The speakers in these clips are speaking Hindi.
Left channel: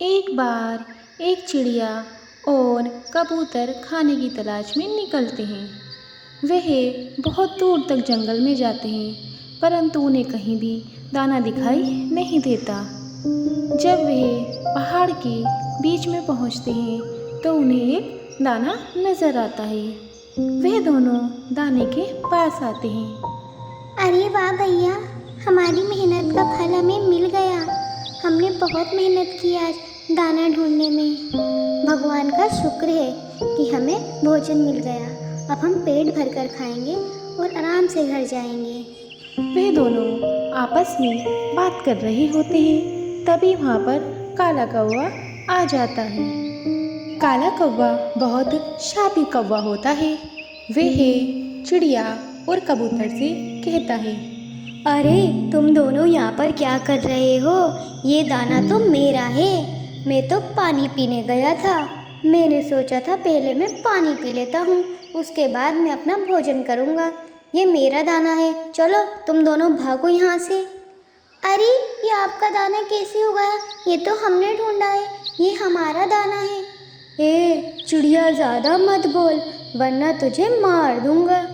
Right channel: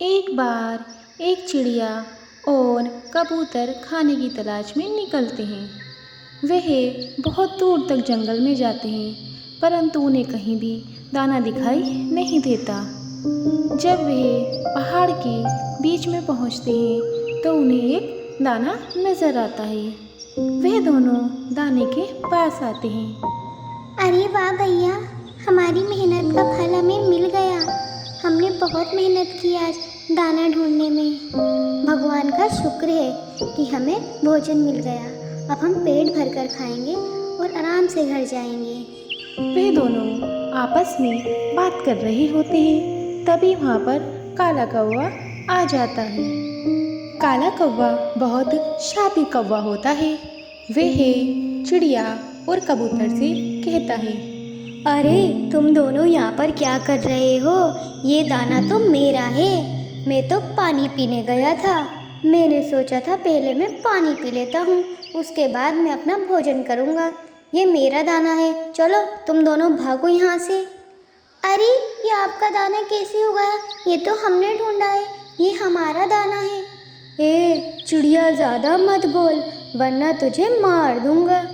एक बार एक चिड़िया और कबूतर खाने की तलाश में निकलते हैं। वह बहुत दूर तक जंगल में जाते हैं, परंतु उन्हें कहीं भी दाना दिखाई नहीं देता। जब वे पहाड़ के बीच में पहुंचते हैं तो उन्हें एक दाना नज़र आता है। वह दोनों दाने के पास आते हैं। अरे वाह भैया, हमारी मेहनत का फल हमें मिल गया। हमने बहुत मेहनत की आज दाना ढूंढने में। भगवान का शुक्र है कि हमें भोजन मिल गया। अब हम पेट भरकर खाएंगे और आराम से घर जाएंगे। वे दोनों आपस में बात कर रहे होते हैं। तभी वहाँ पर काला कौवा आ जाता है। काला कौवा बहुत शातिर कौवा होता है। वह चिड़िया और कबूतर से कहता है, अरे तुम दोनों यहाँ पर क्या कर रहे हो? ये दाना तो मेरा है। मैं तो पानी पीने गया था। मैंने सोचा था पहले मैं पानी पी लेता हूँ, उसके बाद मैं अपना भोजन करूँगा। ये मेरा दाना है। चलो तुम दोनों भागो यहाँ से। अरे ये आपका दाना कैसे होगा? ये तो हमने ढूंढा है, ये हमारा दाना है। चिड़िया ज़्यादा मत बोल, वरना तुझे मार दूंगा।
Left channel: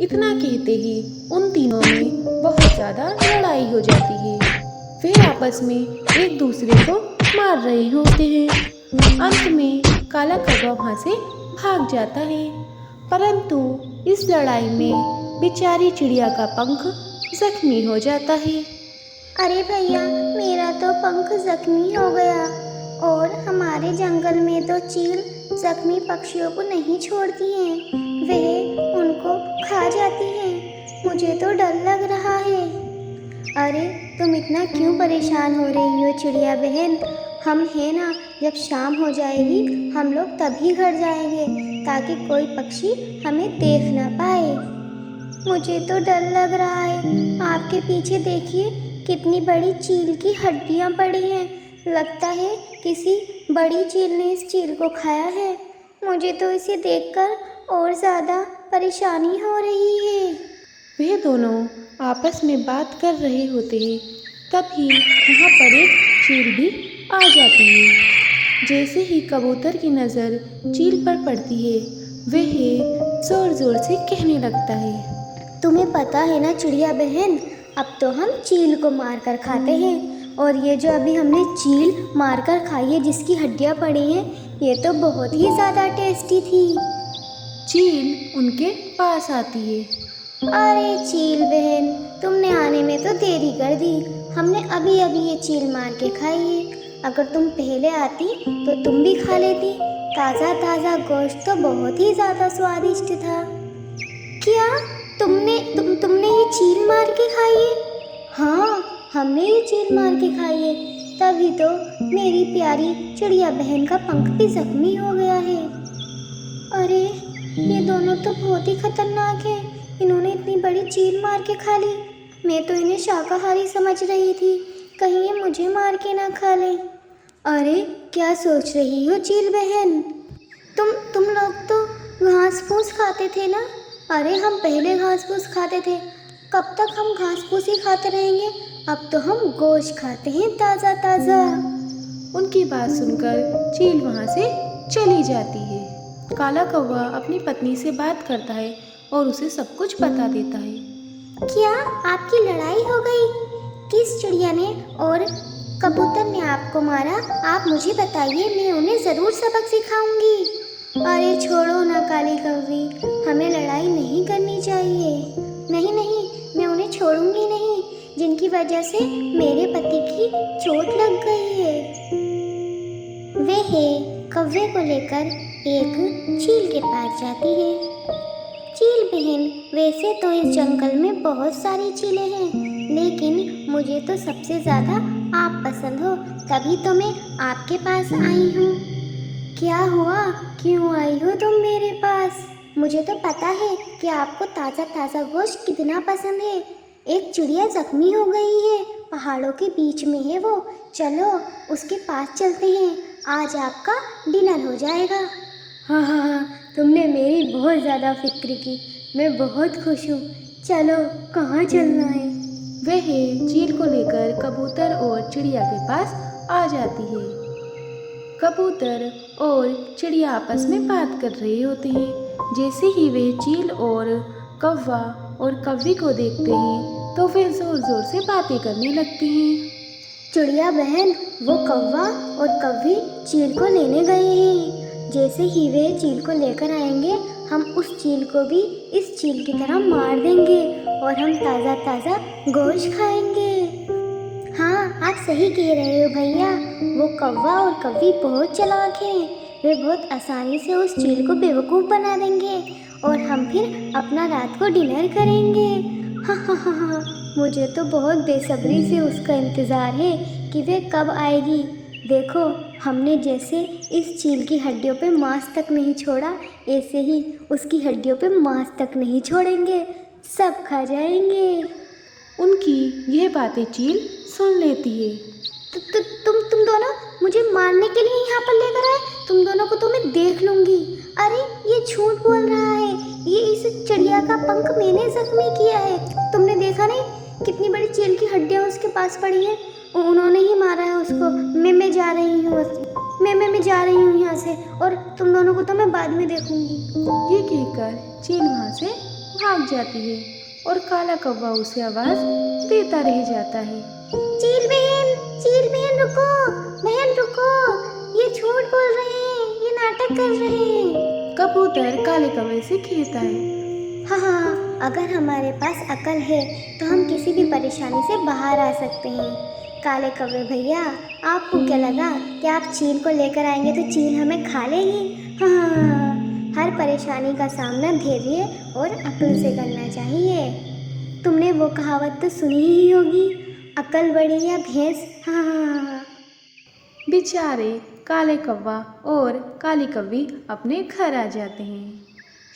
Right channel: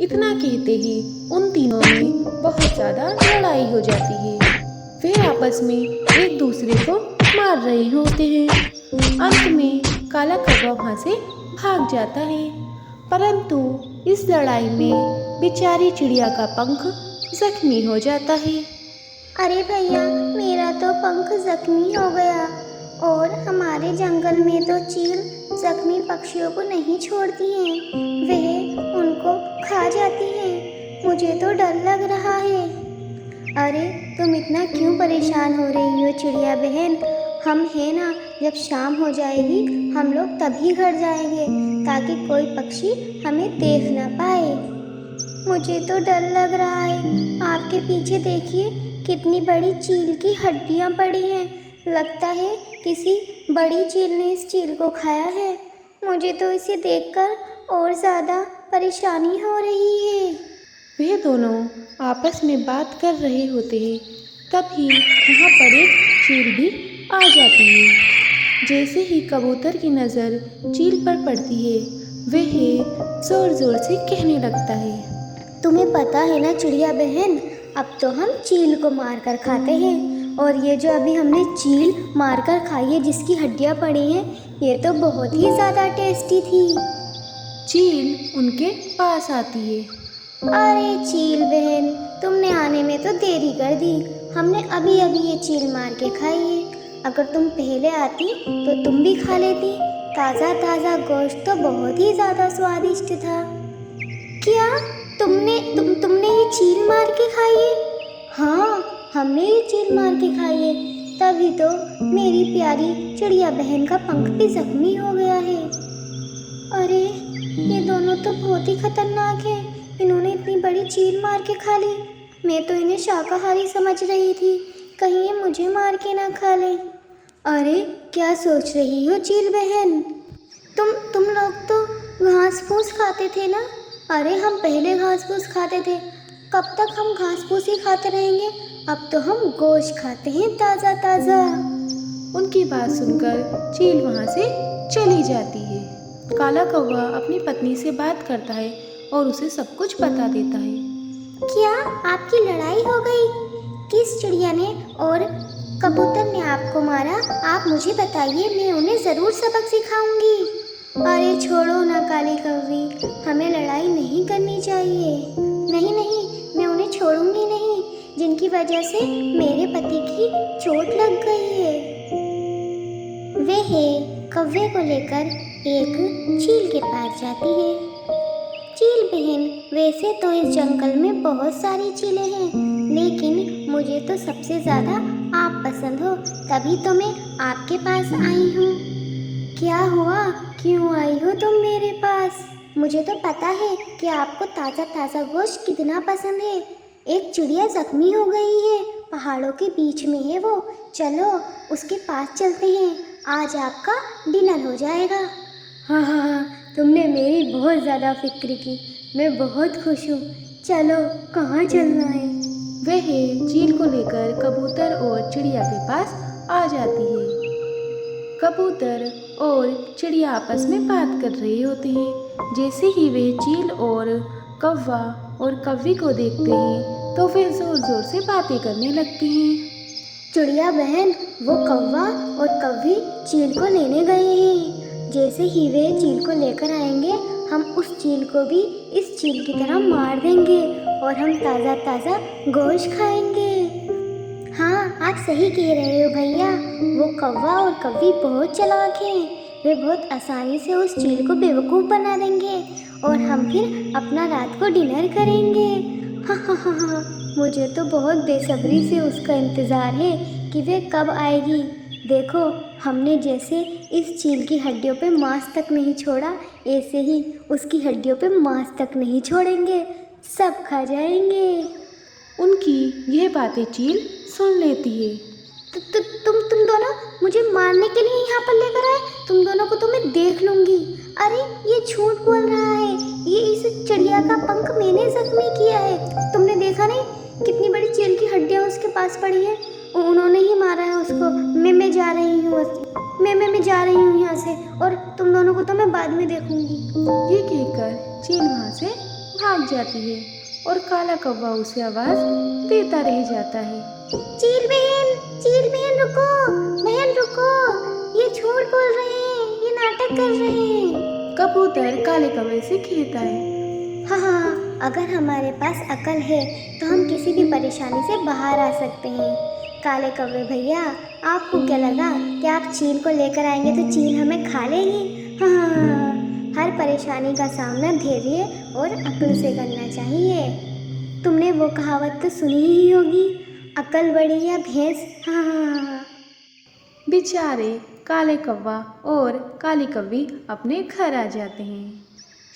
इतना कहते ही उन तीनों में बहुत ज़्यादा लड़ाई हो जाती है। वे आपस में एक दूसरे को मार रहे होते हैं। अंत में काला कौवा वहाँ से भाग जाता है, परंतु इस लड़ाई में बेचारी चिड़िया का पंख जख्मी हो जाता है। अरे भैया, मेरा तो पंख जख्मी हो गया। और हमारे जंगल में तो चील जख्मी पक्षियों को नहीं छोड़ती है, वह उनको खा जाती है। मुझे तो डर लग रहा है। अरे तुम इतना क्यों परेशान हो रही हो चिड़िया बहन? हम हैं ना, जब शाम हो जाएगी हम लोग तभी घर जाएंगे, ताकि कोई पक्षी हमें देख न पाए। मुझे तो डर लग रहा है। आपके पीछे देखिए, कितनी बड़ी चील की हड्डियां पड़ी हैं। लगता है किसी बड़ी चील ने इस चील को खाया है। मुझे तो इसे देखकर और ज़्यादा परेशानी हो रही है। वे दोनों आपस में बात कर रहे होते हैं। तभी वहाँ पर एक चील भी आ जाती है। जैसे ही कबूतर की नज़र चील पर पड़ती है, वह ज़ोर ज़ोर से कहने लगता है, तुम्हें पता है ना चिड़िया बहन, अब तो हम चील को मार कर खाते हैं। और ये जो अभी हमने चील मार कर खाई है, जिसकी हड्डियाँ पड़ी हैं, ये तो बहुत ही ज़्यादा टेस्टी थी। चील उनके पास आती है। अरे चील बहन, तुमने आने में तो देरी कर दी। हमने अभी अभी ये चील मार के खाई है। अगर तुम पहले आती तो तुम भी खा लेती। ताज़ा ताज़ा गोश्त तो बहुत ही ज़्यादा स्वादिष्ट था। क्या तुमने ये चील मार के खाई है? हाँ, हमने ये चील मार के खाई है। तभी तो मेरी प्यारी चिड़िया बहन का पंख भी जख्मी हो गया है। अरे ये दोनों तो बहुत ही खतरनाक है। इन्होंने इतनी बड़ी चील मार के खा ली। मैं तो इन्हें शाकाहारी समझ रही थी, कहीं ये मुझे मार के ना खा ले। अरे क्या सोच रही हो चील बहन? तुम लोग तो घास फूस खाते थे ना? अरे हम पहले घास फूस खाते थे। कब तक हम घास फूस ही खाते रहेंगे? अब तो हम गोश्त खाते हैं, ताज़ा ताज़ा। उनकी बात सुनकर चील वहाँ से चली जाती है। काला कौवा अपनी पत्नी से बात करता है और उसे सब कुछ बता देता है। क्या आपकी लड़ाई हो गई? किस चिड़िया ने और कबूतर ने आपको मारा? आप मुझे बताइए, मैं उन्हें ज़रूर सबक सिखाऊंगी। अरे छोड़ो ना काली कौवी, हमें लड़ाई नहीं करनी चाहिए। नहीं नहीं, मैं उन्हें छोड़ूंगी नहीं, जिनकी वजह से मेरे पति की चोट लग गई है। वे कौवे को लेकर एक चील के पास जाती है। चील बहन, वैसे तो इस जंगल में बहुत सारी चीलें हैं, लेकिन मुझे तो सबसे ज़्यादा आप पसंद हो, तभी तो मैं आपके पास आई हूँ। क्या हुआ, क्यों आई हो तुम मेरे पास? मुझे तो पता है कि आपको ताज़ा ताज़ा गोश्त कितना पसंद है। एक चिड़िया जख्मी हो गई है, पहाड़ों के बीच में है वो। चलो उसके पास चलते हैं, आज आपका डिनर हो जाएगा। हाँ हाँ हाँ, तुमने मेरी बहुत ज़्यादा फिक्र की, मैं बहुत खुश हूँ। चलो कहाँ चलना है? वह चील को लेकर कबूतर और चिड़िया के पास आ जाती है। कबूतर और चिड़िया आपस में बात कर रहे होते हैं। जैसे ही वे चील और कौवा और कौवी को देखते हैं तो वे ज़ोर ज़ोर से बातें करने लगते हैं। चिड़िया बहन, वो कौवा और कौवी चील को लेने गए हैं। जैसे ही वे चील को लेकर आएंगे, हम उस चील को भी इस चील की तरह मार देंगे और हम ताज़ा ताज़ा गोश्त खाएंगे। हाँ, आप सही कह रहे हो भैया। वो कौवा और कौवी बहुत चालाक है। वे बहुत आसानी से उस चील को बेवकूफ़ बना देंगे और हम फिर अपना रात को डिनर करेंगे। हाँ, मुझे तो बहुत बेसब्री से उसका इंतज़ार है कि वे कब आएगी। देखो, हमने जैसे इस चील की हड्डियों पे मांस तक नहीं छोड़ा, ऐसे ही उसकी हड्डियों पे मांस तक नहीं छोड़ेंगे, सब खा जाएंगे। उनकी यह बातें चील सुन लेती है। तुम दोनों मुझे मारने के लिए यहाँ पर लेकर आए। तुम दोनों को तो मैं देख लूंगी। अरे, ये झूठ बोल रहा है। ये इस चिड़िया का पंख मैंने जख्मी किया है। तुमने देखा नहीं कितनी बड़ी चील की हड्डियाँ उसके पास पड़ी है। उन्होंने ही मारा है उसको। मैं जा रही हूँ। मैं जा रही हूँ यहाँ से, और तुम दोनों को तो मैं बाद में देखूंगी। ये कहकर चील वहाँ से भाग जाती है और काला कौवा उसे आवाज़ देता रह जाता है। चील बहन रुको। बहन रुको, ये झूठ बोल रहे हैं, ये नाटक कर रहे हैं। कबूतर काले कौवे से कहता है। हाँ, अगर हमारे पास अकल है तो हम किसी भी परेशानी से बाहर आ सकते हैं। काले कौवे भैया, आपको क्या लगा कि आप चील को लेकर आएंगे तो चील हमें खा लेगी? हाँ, हर परेशानी का सामना धैर्य और अक्ल से करना चाहिए। तुमने वो कहावत तो सुनी ही होगी, अकल बड़ी या भैंस। हाँ। बेचारे काले कौवा और काली कौवी अपने घर आ जाते हैं।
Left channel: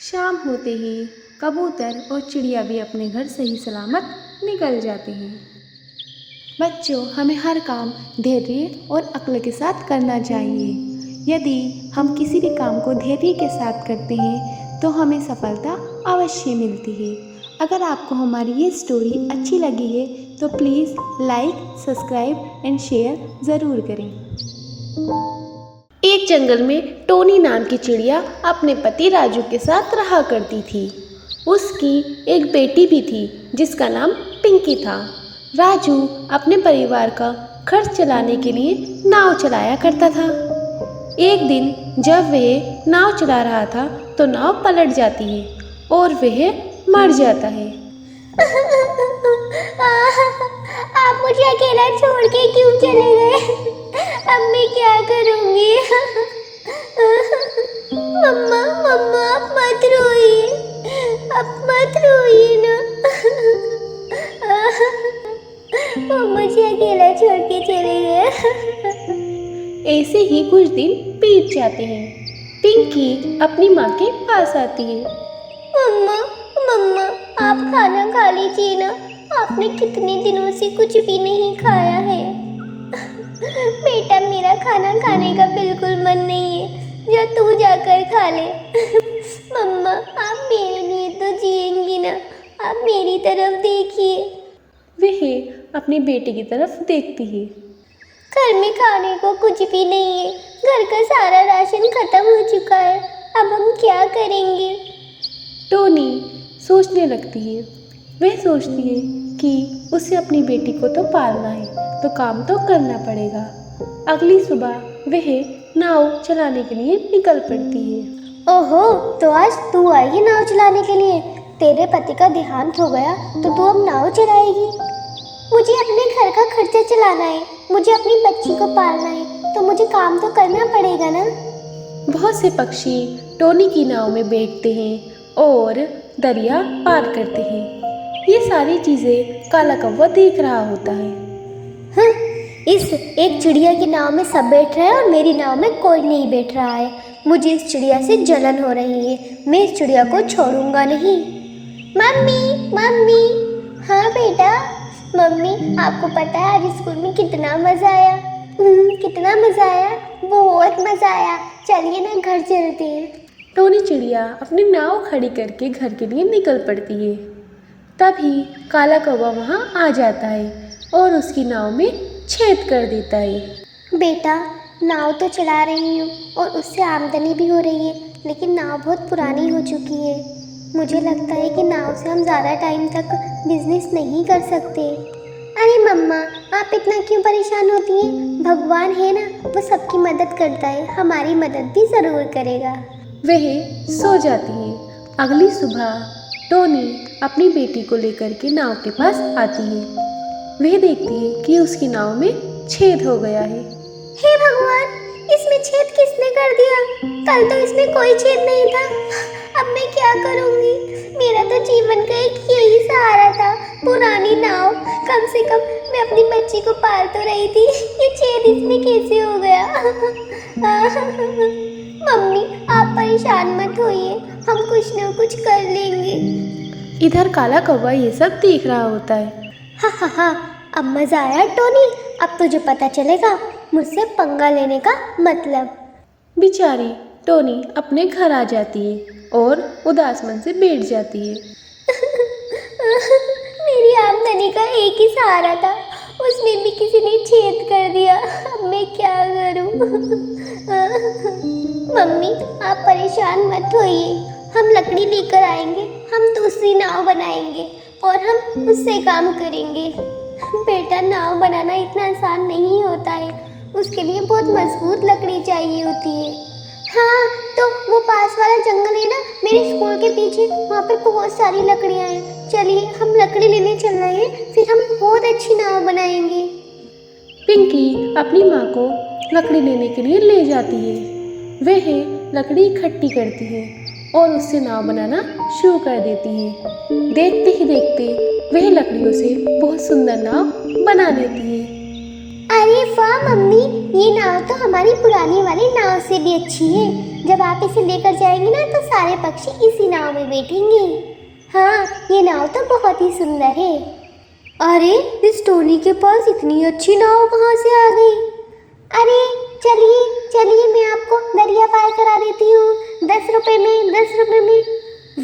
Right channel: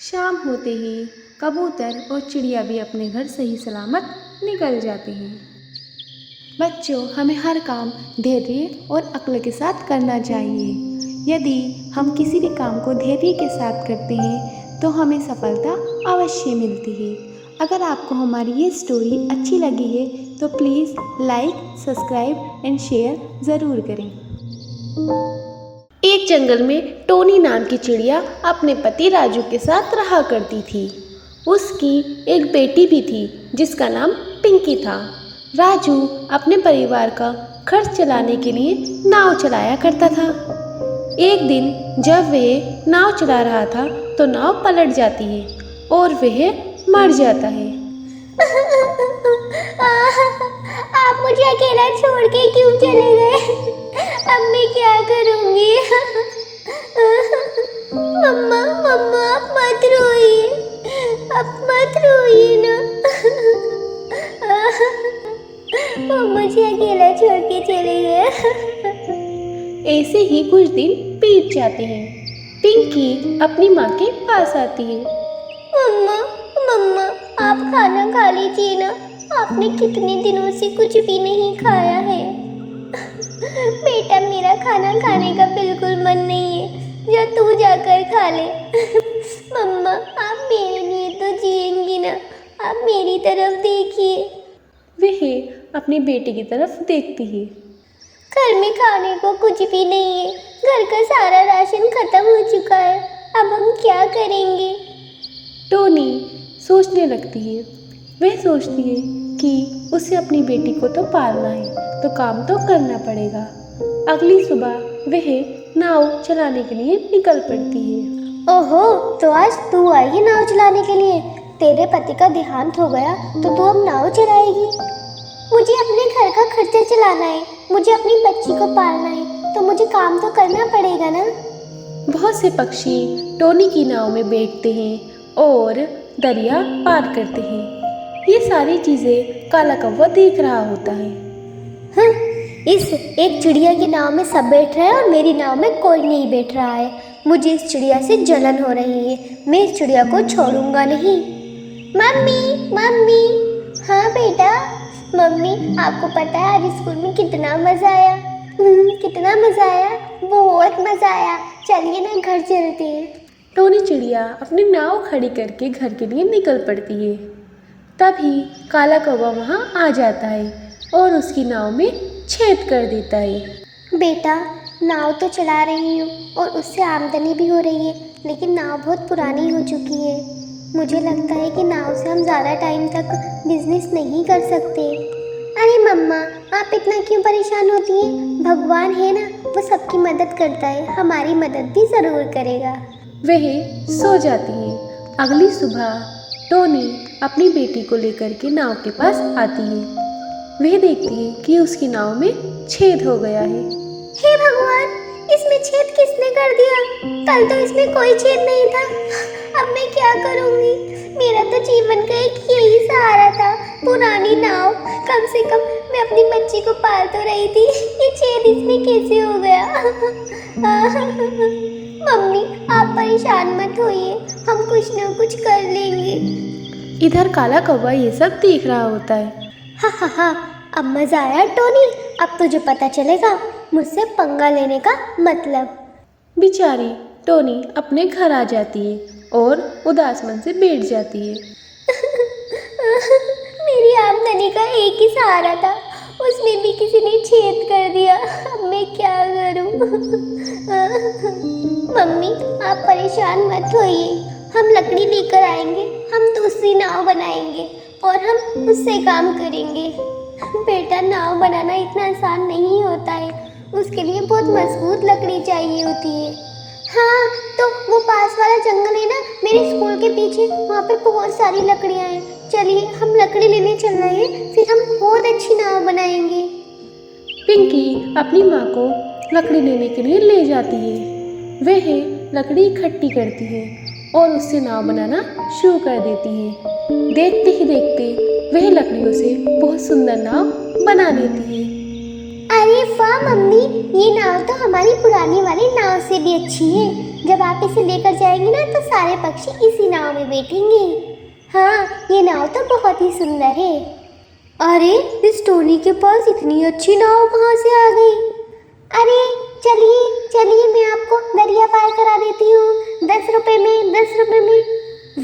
शाम होते ही कबूतर और चिड़िया भी अपने घर सही सलामत निकल जाते हैं। बच्चों, हमें हर काम धैर्य और अक्ल के साथ करना चाहिए। यदि हम किसी भी काम को धैर्य के साथ करते हैं तो हमें सफलता अवश्य मिलती है। अगर आपको हमारी ये स्टोरी अच्छी लगी है तो please like, subscribe and share ज़रूर करें। एक जंगल में टोनी नाम की चिड़िया अपने पति राजू के साथ रहा करती थी। उसकी एक बेटी भी थी जिसका नाम पिंकी था। राजू अपने परिवार का खर्च चलाने के लिए नाव चलाया करता था। एक दिन जब वह नाव चला रहा था तो नाव पलट जाती है और वह मर जाता है। आप मुझे अकेला छोड़ के क्यों चले गए? अब मैं क्या करूँगी? मम्मा आप मत रोइए, आप मत रोइए ना। मुझे अकेला छोड़ के चले गए। ऐसे ही कुछ दिन बीत जाते हैं। पिंकी अपनी माँ के पास आती है। मम्मा, आप खाना खा लीजिए ना। आपने कितने दिनों से कुछ भी नहीं खाया है। बेटा, मेरा खाना खाने का बिल्कुल मन नहीं है, जो तू जाकर खा ले। मम्मा, आप मेरे लिए तो जिएंगी ना। आप मेरी तरफ देखिए। वह अपनी बेटी की तरफ देखती है। घर में खाने को कुछ भी नहीं है। घर का सारा राशन खत्म हो चुका है। अब हम क्या करेंगे? टोनी सोचने लगती है। वह सोचती है कि उसे अपनी बेटी को तो पालना है तो काम तो करना पड़ेगा। अगली सुबह वह नाव चलाने के लिए निकल पड़ती है। ओहो, तो आज तू आई है नाव चलाने के लिए? तेरे पति का देहांत हो गया तो तू अब नाव चलाएगी? मुझे अपने घर का खर्चा चलाना है, मुझे अपनी बच्ची को पालना है, तो मुझे काम तो करना पड़ेगा ना। बहुत से पक्षी टोनी की नाव में बैठते हैं और दरिया पार करते हैं। ये सारी चीज़ें काला कौवा देख रहा होता है। हाँ, इस एक चिड़िया की नाव में सब बैठ रहे हैं और मेरी नाव में कोई नहीं बैठ रहा है। मुझे इस चिड़िया से जलन हो रही है। मैं इस चिड़िया को छोड़ूंगा नहीं। मम्मी। हाँ बेटा। मम्मी, आपको पता है आज स्कूल में कितना मज़ा आया? कितना मज़ा आया? बहुत मज़ा आया। चलिए ना घर चलते हैं। टोनी चिड़िया अपनी नाव खड़ी करके घर के लिए निकल पड़ती है। तभी काला कौवा वहाँ आ जाता है और उसकी नाव में छेद कर देता है। बेटा, नाव तो चला रही हूँ और उससे आमदनी भी हो रही है, लेकिन नाव बहुत पुरानी हो चुकी है। मुझे लगता है कि नाव से हम ज़्यादा टाइम तक बिजनेस नहीं कर सकते। अरे मम्मा, आप इतना क्यों परेशान होती हैं? भगवान है ना, वो सबकी मदद करता है, हमारी मदद भी ज़रूर करेगा। वह सो जाती है। अगली सुबह टोनी अपनी बेटी को लेकर के नाव के पास आती है। वह देखती है कि उसकी नाव में छेद हो गया है। हे भगवान, इसमें छेद किसने कर दिया? कल तो इसमें कोई छेद नहीं था। अब मैं क्या करूंगी? मेरा तो जीवन का एक यही सहारा था, पुरानी नाव। कम से कम मैं अपनी बच्ची को पाल तो रही थी, ये छेद इसमें कैसे हो गया? मम्मी, आप परेशान मत होइए, हम कुछ न कुछ कर लेंगे। इधर काला कौवा ये सब देख रहा होता है। हाँ, अब मजा आया टोनी। अब तुझे पता चलेगा मुझसे पंगा लेने का मतलब। बेचारी टोनी अपने घर आ जाती है और उदास मन से बैठ जाती है। मेरी आमदनी का एक ही सहारा था, उसमें भी किसी ने छेद कर दिया। अब मैं क्या करूं? मम्मी, आप परेशान मत होइए, हम लकड़ी लेकर आएंगे, हम दूसरी नाव बनाएंगे और हम उससे काम करेंगे। बेटा, नाव बनाना इतना आसान नहीं होता है, उसके लिए बहुत मजबूत लकड़ी चाहिए होती है। हाँ, तो वो पास वाला जंगल है ना, मेरे स्कूल के पीछे, वहाँ पे बहुत सारी लकड़ियाँ हैं। चलिए, हम लकड़ी लेने चल रहे हैं, फिर हम बहुत अच्छी नाव बनाएंगे। पिंकी अपनी माँ को लकड़ी लेने के लिए ले जाती है। वह लकड़ी इकट्ठी करती है और उससे नाव बनाना शुरू कर देती है। देखते ही देखते वह लकड़ियों से बहुत सुंदर नाव बना लेती है। अरे वाह मम्मी, ये नाव तो हमारी पुरानी वाली नाव से भी अच्छी है। जब आप इसे लेकर जाएंगे ना, तो सारे पक्षी इसी नाव में बैठेंगे। हाँ, ये नाव तो बहुत ही सुंदर है। अरे, इस टोनी के पास इतनी अच्छी नाव कहाँ से आ गई? अरे चलिए चलिए, मैं आपको दरिया पार करा देती हूँ, 10 रुपए में, 10 रुपए में।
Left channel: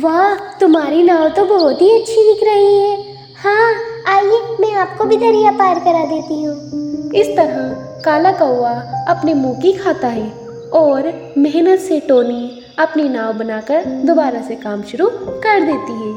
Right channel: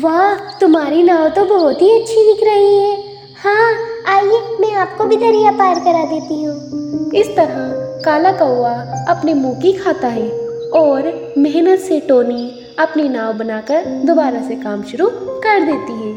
वाह, तुम्हारी नाव तो बहुत ही अच्छी दिख रही है। हाँ, आइए, मैं आपको भी दरिया पार करा देती हूँ। इस तरह काला कौवा अपने मुंह की खाता है और मेहनत से टोनी अपनी नाव बनाकर दोबारा से काम शुरू कर देती है।